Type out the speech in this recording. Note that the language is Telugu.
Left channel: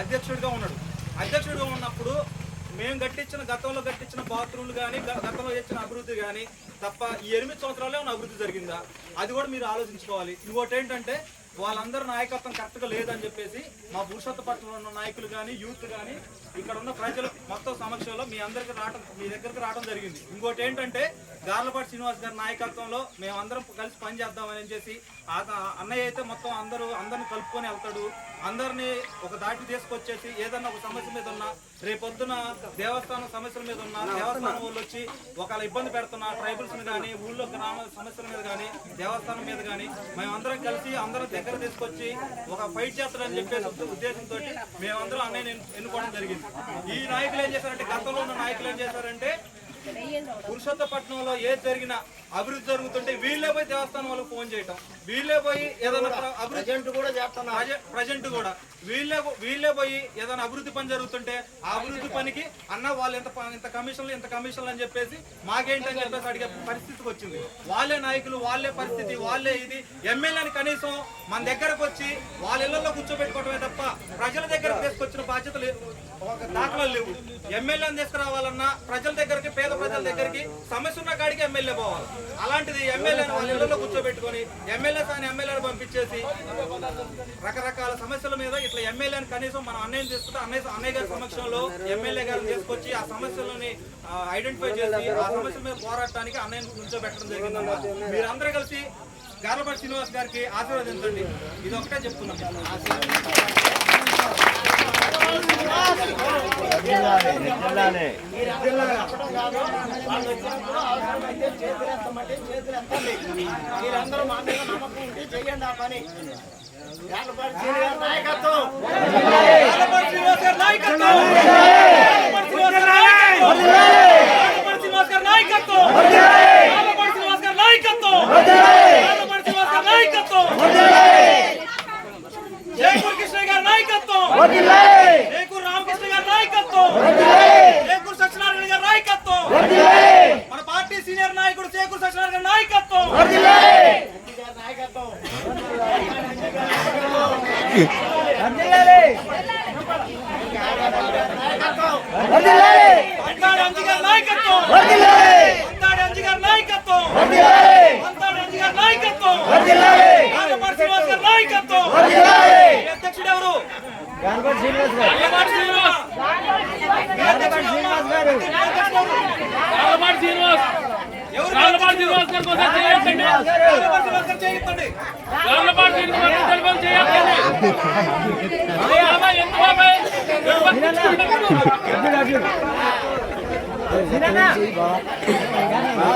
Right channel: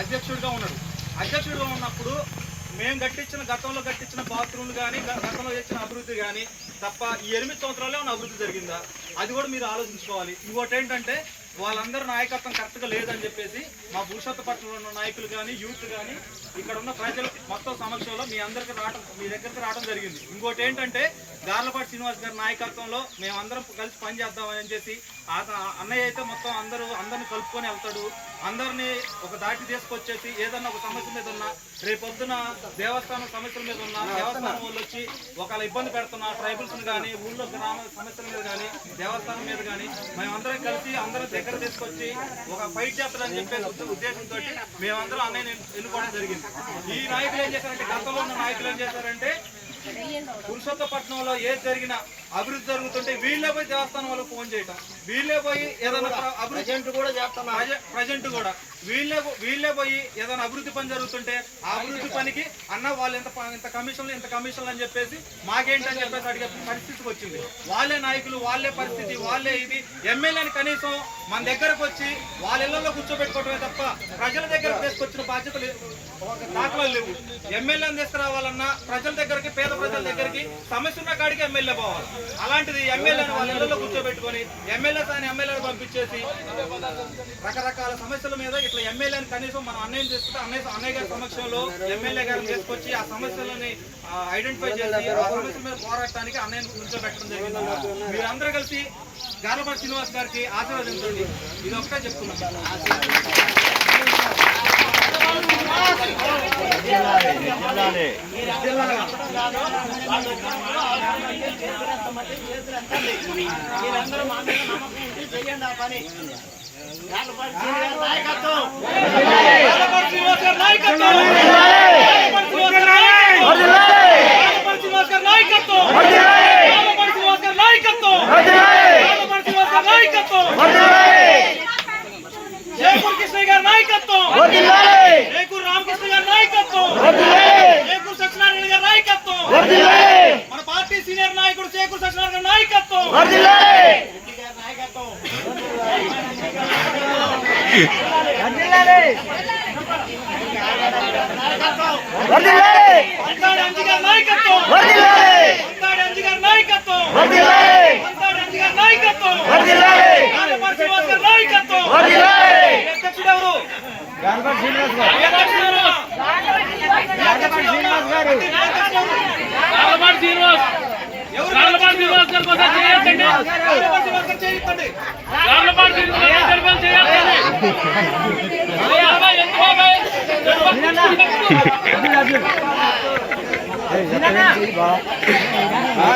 అధ్యక్షుడిగా ఉన్నాడు. అధ్యక్షుడిగా ఉన్నప్పుడు మేము గతంలో కట్టించిన బాత్రూమ్లు కానీ గతంలో చేసిన అభివృద్ధి కానీ తప్ప ఈ 8 సంవత్సరాలే ఉన్న అభివృద్ధి జరిగిందా అది కూడా మీరు ఆలోచించుకోవాలి. ఇంకోటి ఏంటంటే వాళ్ళందరూ నాయకత్వం కరెక్ట్గా లేదని చెప్పేసి మా పురుషోత్తపట్నంలో ఉన్న నాయకులు కానీ యూత్ కానీ ఇక్కడ ఉన్న ప్రజలు మొత్తం సమక్షంలో మీ దగ్గరికి రావడం జరిగింది. ఇంకోటి ఏంటంటే గార్లపాటి శ్రీనివాస్ గారి నాయకత్వంలో మేమందరం కలిసి పని చేద్దామని చెప్పి అన్నయ్య అయితే మొత్తం అందరిని కలుపుకొని వెళ్తాడు. అందరినీ ఒక దాటి తీసుకొచ్చేసి ఏదన్నా ఒక సమస్య మీద ఉన్నా రేపొద్దున దేవస్థానం సమస్యల మీద ఉన్నా దేవస్థానం వాళ్ళు వచ్చి ఒకవేళ ఇబ్బంది పెడుతున్నా ట్రైబల్స్ని కానీ ఊళ్ళో గ్రామ సమస్యల మీద కానీ దేవస్థానం మీద కానీ మేమందరం కలిసి అందరం దగ్గర తీసుకొచ్చి ఒక ఫైట్ చేస్తారని చెప్పేసి ఉద్దేశంతో మేమందరం అన్నయ్య ఎన్నుకోవడం జరిగింది. ఈ నాయకులు ఏం చేశారంటే గతంలో ఉన్న నాయకులు ఏం చేశారంటే పురుషోత్తపట్నంలో ఏది జరిగినా అభివృద్ధి జరుగుతుంటే వీళ్ళే పోయి దేవస్థానం వాళ్ళకి ఫోన్ చేయటం, వీళ్ళే పోయి ఏదైనా ప్రజెంట్ కూడా వీళ్ళే పోయి ఏదైనా అభివృద్ధి పని జరుగుతుంటే ఆ అభివృద్ధి పనికి అన్న వాళ్ళు ఇంత కమిషన్లు అని చెప్పేసి మాకేంటని చెప్పేసి అడిగే పరిస్థితికి వచ్చింది. వాళ్ళే నాయకులు, వాళ్ళే పరిస్థితి, వాళ్ళే ఇది. ఎమ్మెల్యేని కనీసం మన దగ్గరకు వచ్చి వాళ్ళ ఇళ్లలో కూర్చోబెట్టుకోవటమే తప్ప ప్రజల దగ్గరకు తీసుకొచ్చిన బాధ్యతలు దాఖలాలు లేవు. ఎమ్మెల్యేని తీసుకురావాలన్నా ప్రజల దగ్గరికి, పేద ప్రజల దగ్గరికి సమస్య ఉన్న కాడికి ఎమ్మెల్యే పోవాలి. అలాంటిది ఎమ్మెల్యేని వాళ్ళ ఇళ్లలో కూర్చోబెట్టుకొని ఎమ్మెల్యేని పంపించేసి రకరకాల సమస్యల మీద ఇట్లా ఎమ్మెల్యేని కనీసం మనం అన్నయ్యని తీసుకుంటే అన్నయ్య గారి సమక్షంలో ఎమ్మెల్యే గారిని తీసుకొచ్చి ఆ సమస్యలని ఐడెంటిఫై చేసి ఆ సమస్యల మీద పోరాటానికి అన్నయ్యని కూర్చోబెట్టడం జరిగిందమ్మా. మీరందరూ కలిసి గార్లపాటి శ్రీనివాస్ గారికి ఆశీర్వదించండి. ఇది ఒకటే చెప్తున్నాం. మీరందరూ మా మీద నమ్మకం ఉంటే చేయండి ఆ పని. గార్లపాటి శ్రీనివాస్ నాయకత్వం, గార్లపాటి శ్రీనివాస్ గారి నాయకత్వం, గార్లపాటి శ్రీనివాస్ గారి నాయకత్వం, గార్లపాటి శ్రీనివాస్ గారి నాయకత్వం, గార్లపాటి శ్రీనివాస్ గారి నాయకత్వం, జయపూర్ కృష్ణ గారి నాయకత్వం, జయపూర్ రామకృష్ణ గారి నాయకత్వం, జయపూర్ సత్యనారాయణ గారి నాయకత్వం, మన పార్టీ సీనియర్ నాయకుడు జయపూర్ సత్యనారాయణ గారి నాయకత్వం, నాయకత్వం అధ్యక్షుడు ఎవరు? గార్లపాటి శ్రీనివాస్ గారి కోసం చేయొద్దండి. గార్లపాటి శ్రీనివాస్ గారి కోసం చేయొద్దండి.